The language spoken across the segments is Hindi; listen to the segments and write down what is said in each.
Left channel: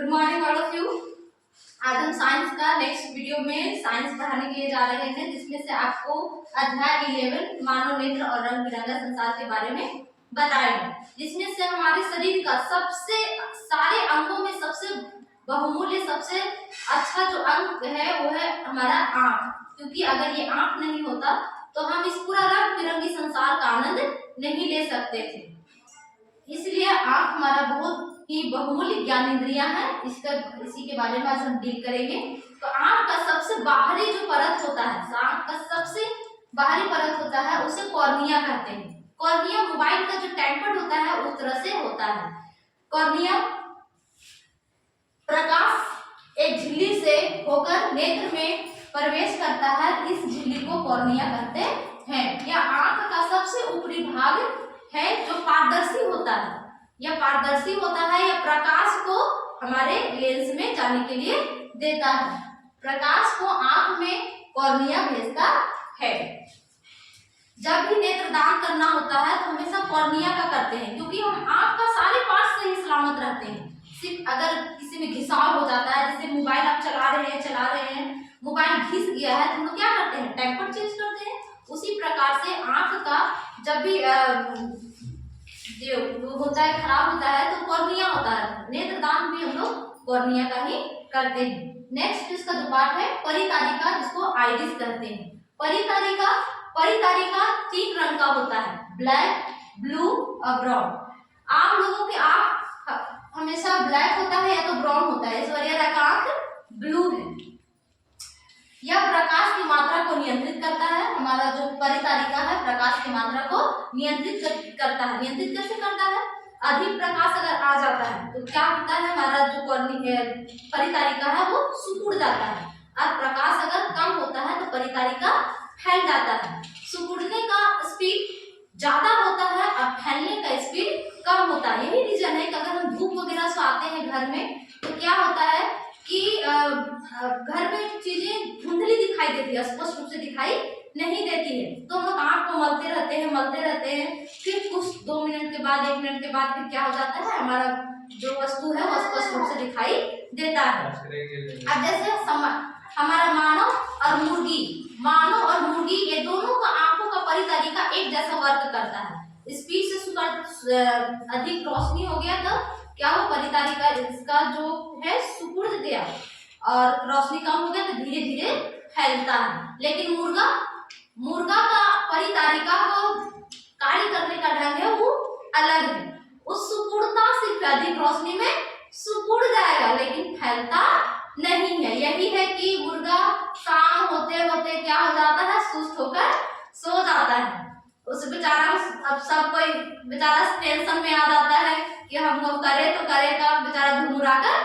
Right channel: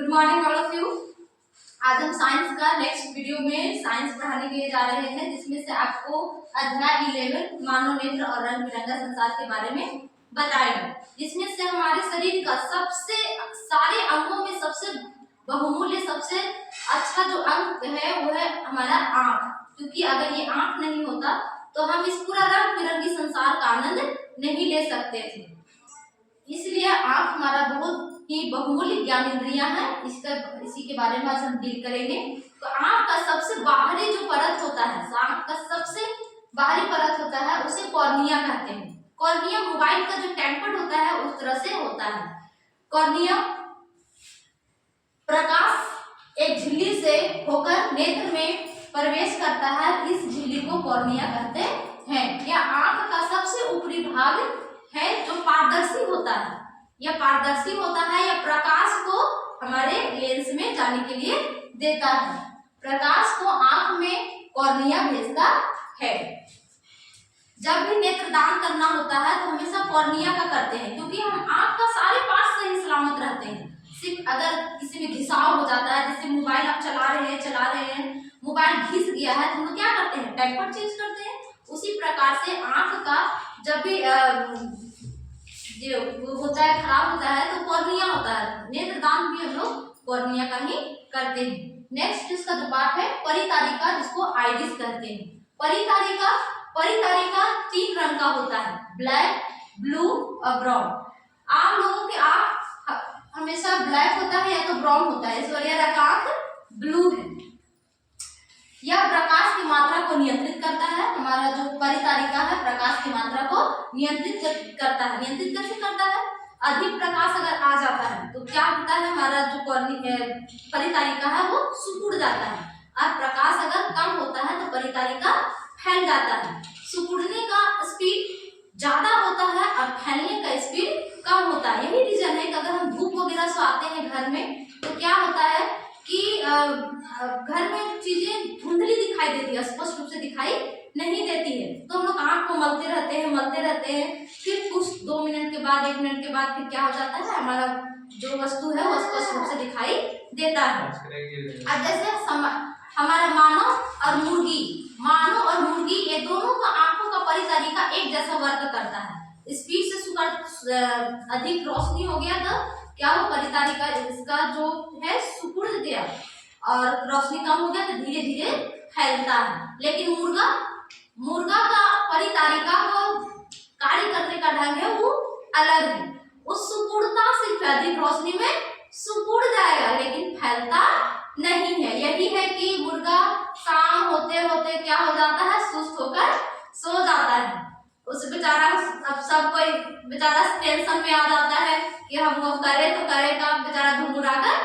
Good morning all of you. आज हम साइंस का नेक्स्ट वीडियो में साइंस पढ़ाने के लिए जा रहे हैं, जिसमें से आपको अध्याय 11 मानव नेत्र और रंग बिरंगा संसार के बारे में बताएंगे, जिसमें से हमारे शरीर का सबसे सारे अंगों में सबसे बहुमूल्य सबसे अच्छा जो अंग है वो है हमारा आंख, क्योंकि अगर ये आंख नहीं होता तो हम इस पूरा रंग बिरंगी संसार का आनंद नहीं ले सकते थे। इसलिए आंख हमारा बहुत ही बहुमूल्य ज्ञानेंद्रियां है। इसी के बारे में आज हम डील करेंगे। तो आंख का सबसे बाहरी जो परत होता है, आंख का सबसे बाहरी परत होता है उसे कॉर्निया कहते हैं। कॉर्निया मोबाइल का जो टेम्पर्ड होता है उस तरह से होता है। कॉर्निया प्रकाश एक झिल्ली से होकर नेत्र में प्रवेश करता है, इस झिल्ली को कॉर्निया कहते हैं। यह आंख का सबसे ऊपरी भाग है जो पारदर्शी होता है। यह पारदर्शी होता है, यह प्रकाश को हमारे लेंस में जाने के लिए देता है। प्रकाश को आंख में कॉर्निया भेजता है। जब भी नेत्रदान करना होता है तो हमेशा कॉर्निया का करते हैं, क्योंकि हम आंख का सारे पार्ट सही सलामत रहते हैं। सिर्फ अगर किसी में घिसाव हो जाता है, जैसे मोबाइल आप चला रहे हैं मोबाइल घिस गया है तो हम लोग क्या करते हैं, टेम्पर चेंज करते हैं। उसी प्रकार से आंख का जब भी जो होता है खराब होता है तो कॉर्निया होता है। नेत्रदान भी हम लोग कॉर्निया का ही करते हैं। नेक्स्ट इसका जो पार्ट है परितारिका, जिसको आइरिस कहते हैं। परितारिका 3 रंग का होता है, ब्लैक, ब्लू और ब्राउन। आम लोगों की आंख हमेशा ब्लैक होता है या तो ब्राउन होता है, इस वजह का आंख ब्लू है। यह प्रकाश की मात्रा को नियंत्रित करता है। हमारा जो परितारिका है प्रकाश की मात्रा को नियंत्रित करता है। नियंत्रित कैसे करता है? अधिक प्रकाश अगर आ जाता है तो क्या होता है, हमारा जो परितारिका है वो सिकुड़ जाता है, और प्रकाश अगर कम होता है तो परितारिका फैल जाता है। सिकुड़ने का स्पीड ज्यादा होता है और फैलने का स्पीड कम होता है। यही रीजन है कि अगर हम धूप वगैरह से आते हैं घर में तो क्या होता है कि घर में चीजें धुंधली दिखाई देती है, स्पष्ट रूप से दिखाई नहीं देती है, तो हम लोग आंख को मलते रहते हैं। फिर कुछ 2 मिनट के बाद 1 मिनट के बाद फिर क्या हो जाता है, हमारा जो वस्तु है वो स्पष्ट रूप से दिखाई देता है। अब जैसे हमारा मानव और मुर्गी ये दोनों का आंखों का परितारिका एक जैसा वर्क करता है। स्पीड से अधिक रोशनी हो गया तो क्या वो परितारिका इसका जो है सिकुड़ गया, और रोशनी कम हो गया तो धीरे धीरे फैलता है। लेकिन मुर्गा का परितारिका को कार्य करने का ढंग है वो अलग है। उस सिकुड़ता सिर्फ अधिक रोशनी में सिकुड़ जाएगा लेकिन फैलता नहीं है। यही है कि मुर्गा शाम होते होते क्या हो जाता है, सुस्त होकर सो जाता है। उस बेचारा अब सब कोई बेचारा टेंशन में आ जाता है कि हम वो करे तो करे, का बेचारा घुमुरा कर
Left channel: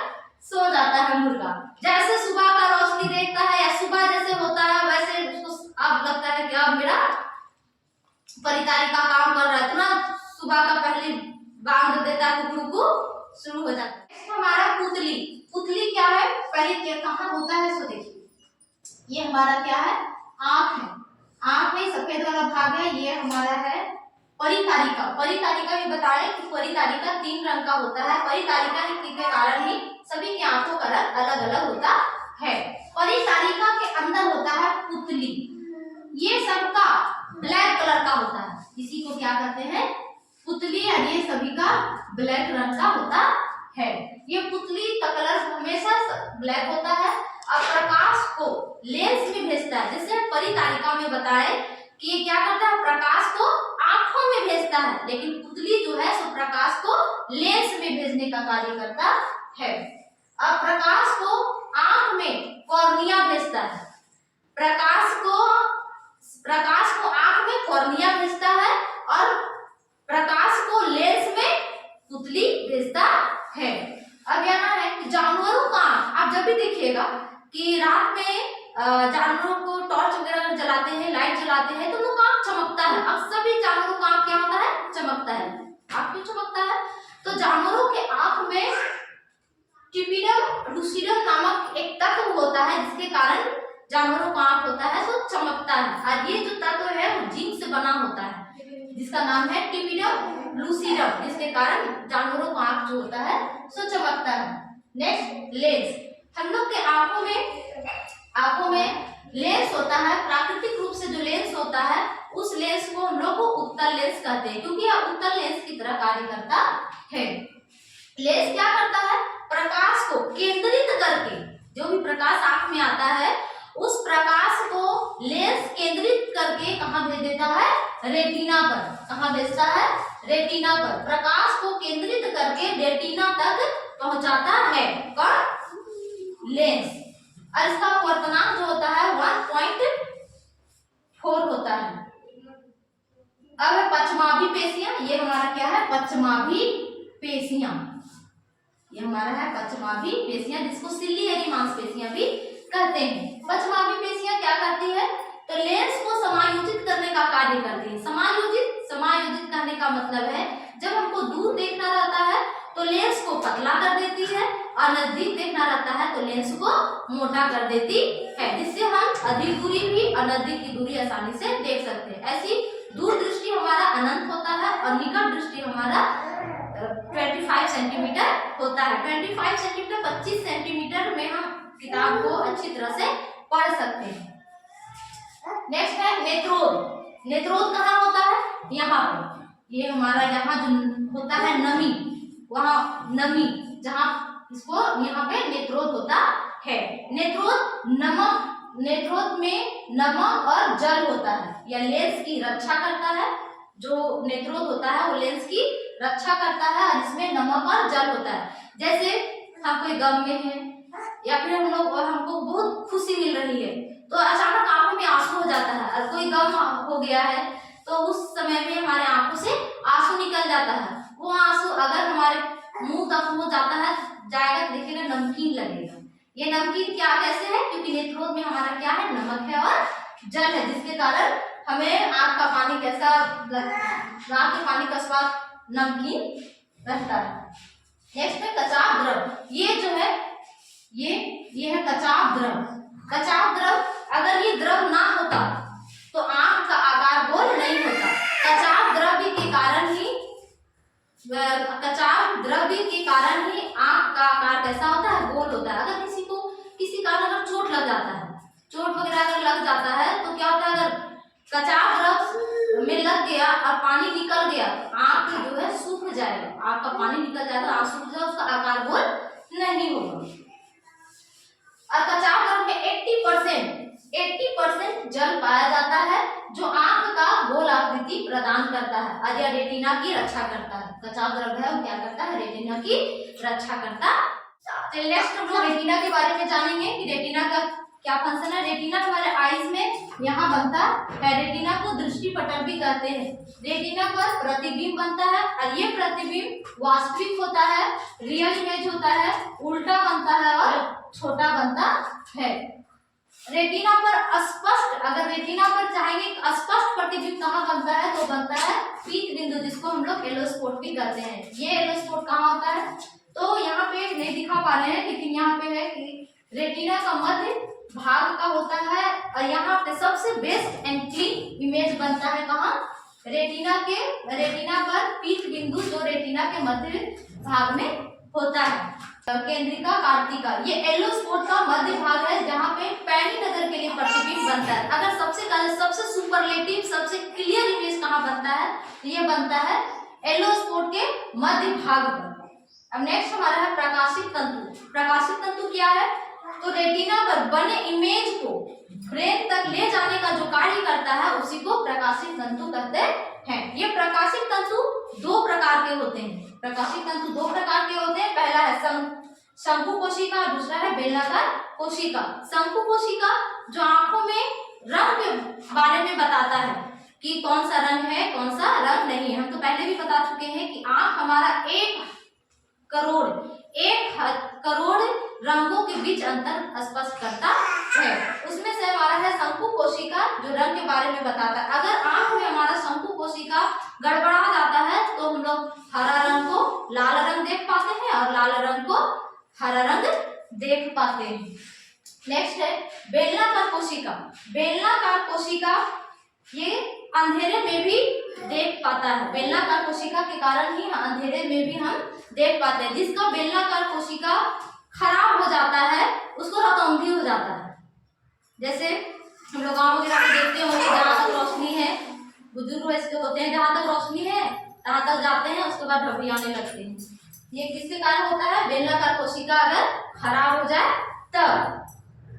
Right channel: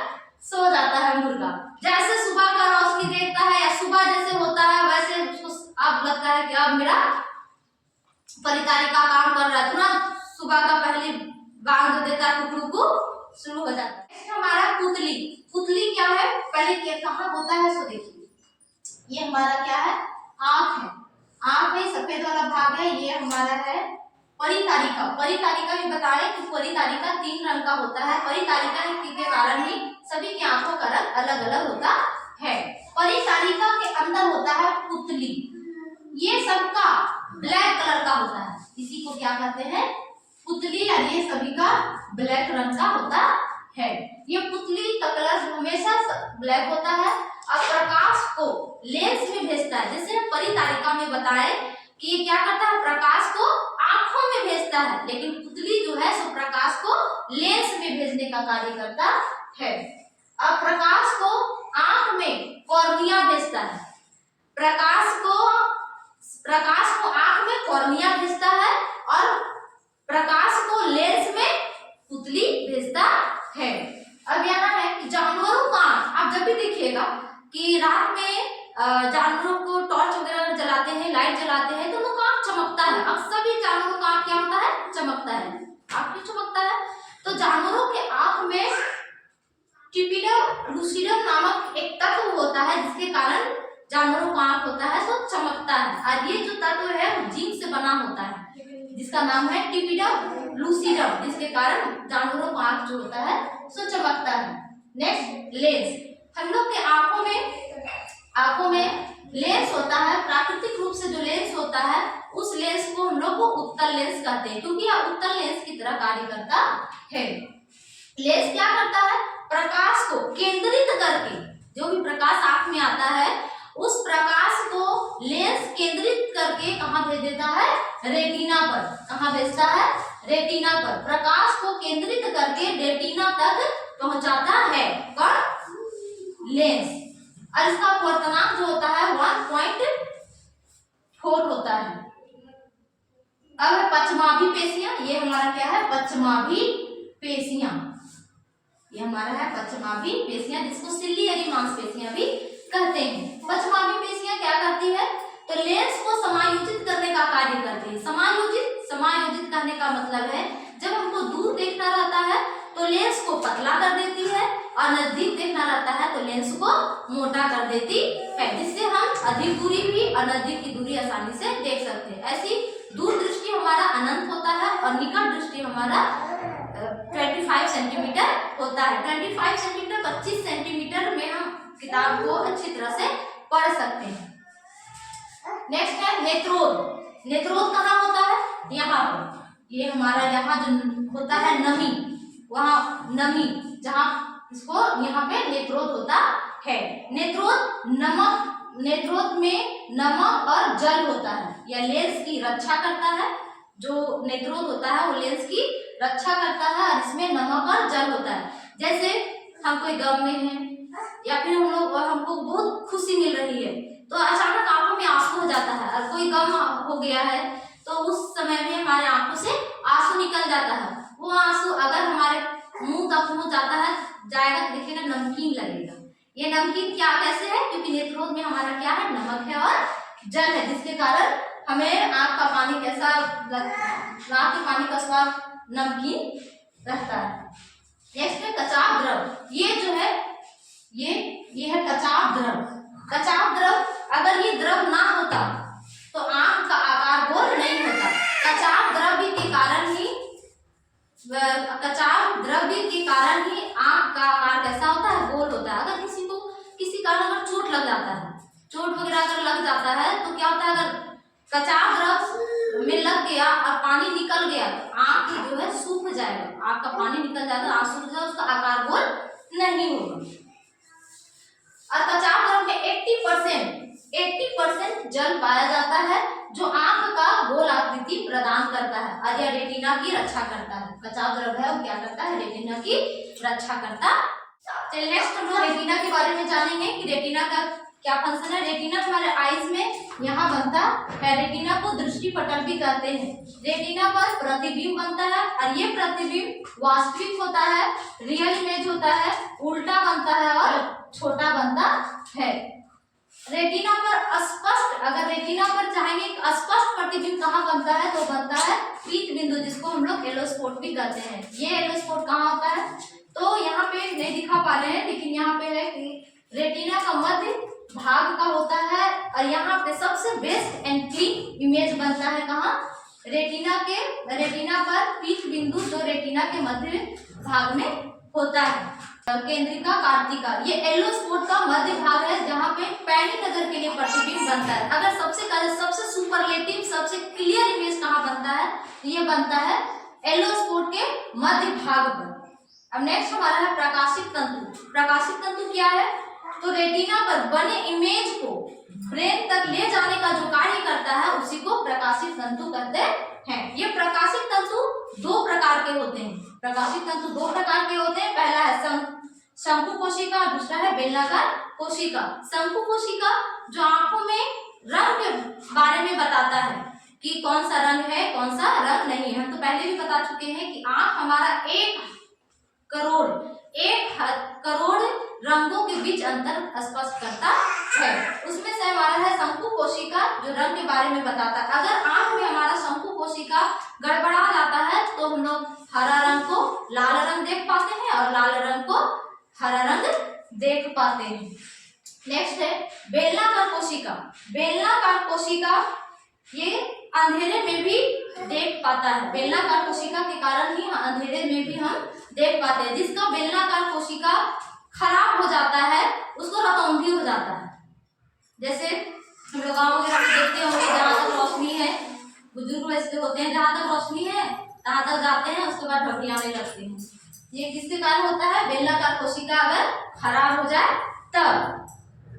सो जाता है मुर्गा। जैसे सुबह का रोशनी देखता है या सुबह जैसे होता है वैसे उसको अब लगता है कि अब मेरा परितारिका काम कर रहा है, तो ना सुबह का पहले बांग देता है, कुकड़ू शुरू हो जाता है। हमारा पुतली क्या है, पहले कहाँ होता है सो देखिए, ये हमारा क्या है, आंख है। आंख में सफेद वाला भाग है, ये हमारा है परितारिका भी बताएं कि परितारिका 3 रंग का होता है। परितारिका के कारण ही सभी की आंखों का रंग अलग अलग होता है। परितारिका के अंदर होता है पुतली, ये सबका ब्लैक कलर का होता है, इसी को क्या कहते हैं, पुतली, और ये सभी का ब्लैक रंग का होता है। ये पुतली का कलर हमेशा ब्लैक होता है और प्रकाश को लेंस में भेजता है। जैसे परितारिका में बताए कि ये क्या करता है, प्रकाश को आंखों में भेजता है, लेकिन पुतली जो है सो प्रकाश को लेंस में भेजने का कार्य करता है। अब प्रकाश को आंख में कॉर्निया भेजता है, प्रकाश को आंख में कॉर्निया भेजता है और प्रकाश को लेंस में पुतली भेजता है। अब यहाँ है कि जानवरों का आप जब भी देखिएगा कि रात में जानवरों को टॉर्च वगैरह जलाते हैं, लाइट जलाते हैं तो उनका आंख चमकता है। अब सभी जानवरों का आंख क्या होता है, चमकता है। आंख क्यों चमकता है, तो जानवरों के आंख में टिपिडम लूसिडम नामक एक तत्व होता है, जिसके कारण जानवरों का आंख होता है तो चमकता है। और ये जो तत्व है वो जिंक से बना होता है, जिसका नाम है टिपिडम लूसिडम, जिसके कारण जानवरों का आंख जो होता है सो चमकता है। Next lens. हम लोग के आंखों में लेंस होता है, प्राकृतिक रूप से जो लेंस होता है उस लेंस को हम लोग को उत्तल लेंस कहते हैं, क्योंकि यह उत्तल लेंस की तरह कार्य करता है। लेंस क्या करता है? प्रकाश को केंद्रित करके, जो भी प्रकाश आंख में आता है उस प्रकाश को लेंस केंद्रित करके कहाँ भेज देता है? रेटिना पर। कहाँ भेजता है? रेटिना पर। प्रकाश को केंद्रित करके रेटिना तक पहुंचाता है कौन? लेंस। और इसका अपवर्तनांक जो होता है 1.4 होता है। अब है पश्चमाभी पेशियां। ये हमारा क्या है? पश्चमाभी पेशियां। ये हमारा है पश्चमाभी पेशियां, जिसको सिल्ली यानी मांसपेशियां भी कहते हैं। पश्चमाभी पेशियां क्या करती है? तो लेंस को समायोजित करने का कार्य करती है। समायोजित करने का मतलब है जब हमको दूर देखना रहता है तो लेंस को पतला कर देती है, और नजदीक देखना रहता है तो लेंस को मोटा कर देती है, जिससे हम अधिक दूरी भी और नजदीक की दूरी आसानी से देख सकते हैं। ऐसी दूर दृष्टि हमारा अनंत होता है और निकट दृष्टि हमारा 25 सेंटीमीटर होता है। 25 सेंटीमीटर 25 सेंटीमीटर में हम किताब को अच्छी तरह से पढ़ सकते हैं। नेक्स्ट है नेत्रोद। नेत्रोद कहाँ होता है? यहाँ पर। ये हमारा यहाँ जो होता है नमी, वहाँ नमी, जहाँ इसको यहाँ पे नेत्रोद होता है। नेत्रोद में नमक और जल होता है। यह लेंस की रक्षा करता है। जो नेत्रोद होता है वो लेंस की रक्षा करता है और इसमें नमक और जल होता है। जैसे हम कोई गम में हैं या फिर हमको बहुत खुशी मिल रही है तो अचानक आंखों में आंसू हो जाता है, और कोई गम हो गया है तो उस समय में हमारे आंखों से आंसू निकल जाता है। वो आंसू अगर हमारे मुंह तक पहुंच जाता है जाएगा तो देखिएगा नमकीन लगेगा। ये नमकीन क्या कैसे है? क्योंकि नेत्रोद में हमारा क्या है? नमक है और जल है, जिसके कारण हमें आंख का पानी कैसा, आंख के पानी का स्वाद नमकीन रहता है। नेक्स्ट है कचाव द्रव। ये जो है ये है कचाव द्रव। कचाव द्रव, अगर ये द्रव ना होता तो आंख का आकार गोल नहीं होता। कचाव द्रव्य के कारण ही आंख का आकार कैसा होता है? गोल होता है। अगर किसी कारण अगर चोट लग जाता है, चोट वगैरह अगर लग जाता है तो क्या होता है? अगर कचाव द्रव में लग गया और पानी निकल गया तो आंख जो है सूख जाएगा, आंख का पानी निकल जाएगा, आंख सूख जाएगा, उसका आकार गोल नहीं होगा। और कचाव द्रव में 80% जल पाया जाता है, जो आंख का गोल आकृति प्रदान करता है और यह रेटिना की रक्षा करता है। कचाव द्रव है वो क्या करता है? रेटिना की रक्षा करता है। चलिए नेक्स्ट हम लोग रेटिना के बारे में जानेंगे कि रेटिना का क्या फंक्शन है। रेटिना हमारे आईज में यहाँ बनता है। रेटिना को दृष्टि पटल भी कहते हैं। रेटिना पर प्रतिबिंब बनता है और ये प्रतिबिंब वास्तविक होता है, रियल इमेज होता है, उल्टा बनता है और छोटा बनता है। रेटिना पर स्पष्ट, अगर रेटिना पर चाहेंगे स्पष्ट प्रतिबिंब कहाँ बनता है तो बनता है पीत बिंदु, जिसको हम लोग येलो स्पॉट भी कहते हैं। ये येलो स्पॉट कहाँ होता है? तो यहाँ पे नहीं दिखा पा रहे हैं, लेकिन यहाँ पे है कि रेटिना का मध्य भाग का होता है और यहाँ पे सबसे बेस्ट एंड क्लीन इमेज बनता है कहाँ? रेटिना पर पीत बिंदु जो रेटिना के मध्य भाग में होता है। केंद्रिका कार्तिका, ये येलो स्पॉट का मध्य भाग है जहाँ पे पैनी नजर के लिए प्रतिबिंब बनता है। अगर सबसे सुपरलेटिव सबसे क्लियर इमेज कहाँ बनता है? ये बनता है येलो स्पॉट के मध्य भाग पर। अब नेक्स्ट हमारा है प्रकाशिक तंतु। प्रकाशिक तंतु क्या है? तो रेटिना पर बने इमेज को ब्रेन तक ले जाने का जो कार्य करता है उसी को प्रकाशिक तंतु कहते हैं। ये प्रकाशिक तंतु दो प्रकार के होते हैं। प्रकाशिक तंतु दो प्रकार के होते हैं। पहला है शंकु कोशिका, दूसरा है बेलनाकार कोशिका। शंकु कोशिका जो आंखों में रंग के बारे में बताता है कि कौन सा रंग है कौन सा रंग नहीं है। हम तो पहले भी बता चुके हैं कि आंख हमारा 1 करोड़ रंगों के बीच अंतर स्पष्ट करता है। उसमें से हमारा है शंकु कोशिका जो रंग के बारे में बताता है। अगर आंख में हमारा शंकु कोशिका गड़बड़ा जाता है तो हम लोग हरा रंग को लाल रंग देख पाते हैं और लाल रंग को हरा रंग देख पाते हैं। नेक्स्ट है बेलनाकार कोशिका। बेलनाकार कोशिका ये अंधेरे में भी देख पाता है। बेलनाकार कोशिका के कारण ही अंधेरे में भी हम देख पाते हैं। जिसका बेलनाकार कोशिका खराब हो उसको रतौंधी हो जाता है। जैसे हम लोग गाँव वगैरह में देखते होंगे, जहाँ तक रोशनी है, बुजुर्ग वैसे होते हैं, जहाँ तक रोशनी है तहाँ तक जाते हैं, उसके बाद ढपड़ियाने लगते हैं। ये किसके कारण होता है? बेलनाकार कोशिका अगर खराब हो जाए तब।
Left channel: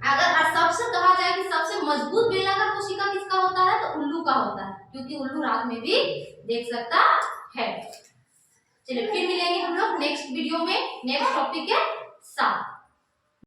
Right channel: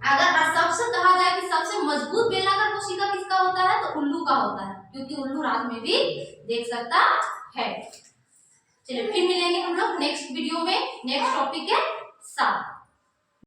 अगर सबसे कहा जाए कि सबसे मजबूत बेलनाकार कोशिका किसका होता है, तो उल्लू का होता है, क्योंकि उल्लू रात में भी देख सकता है। चलिए फिर मिलेंगे हम लोग नेक्स्ट वीडियो में नेक्स्ट टॉपिक के साथ।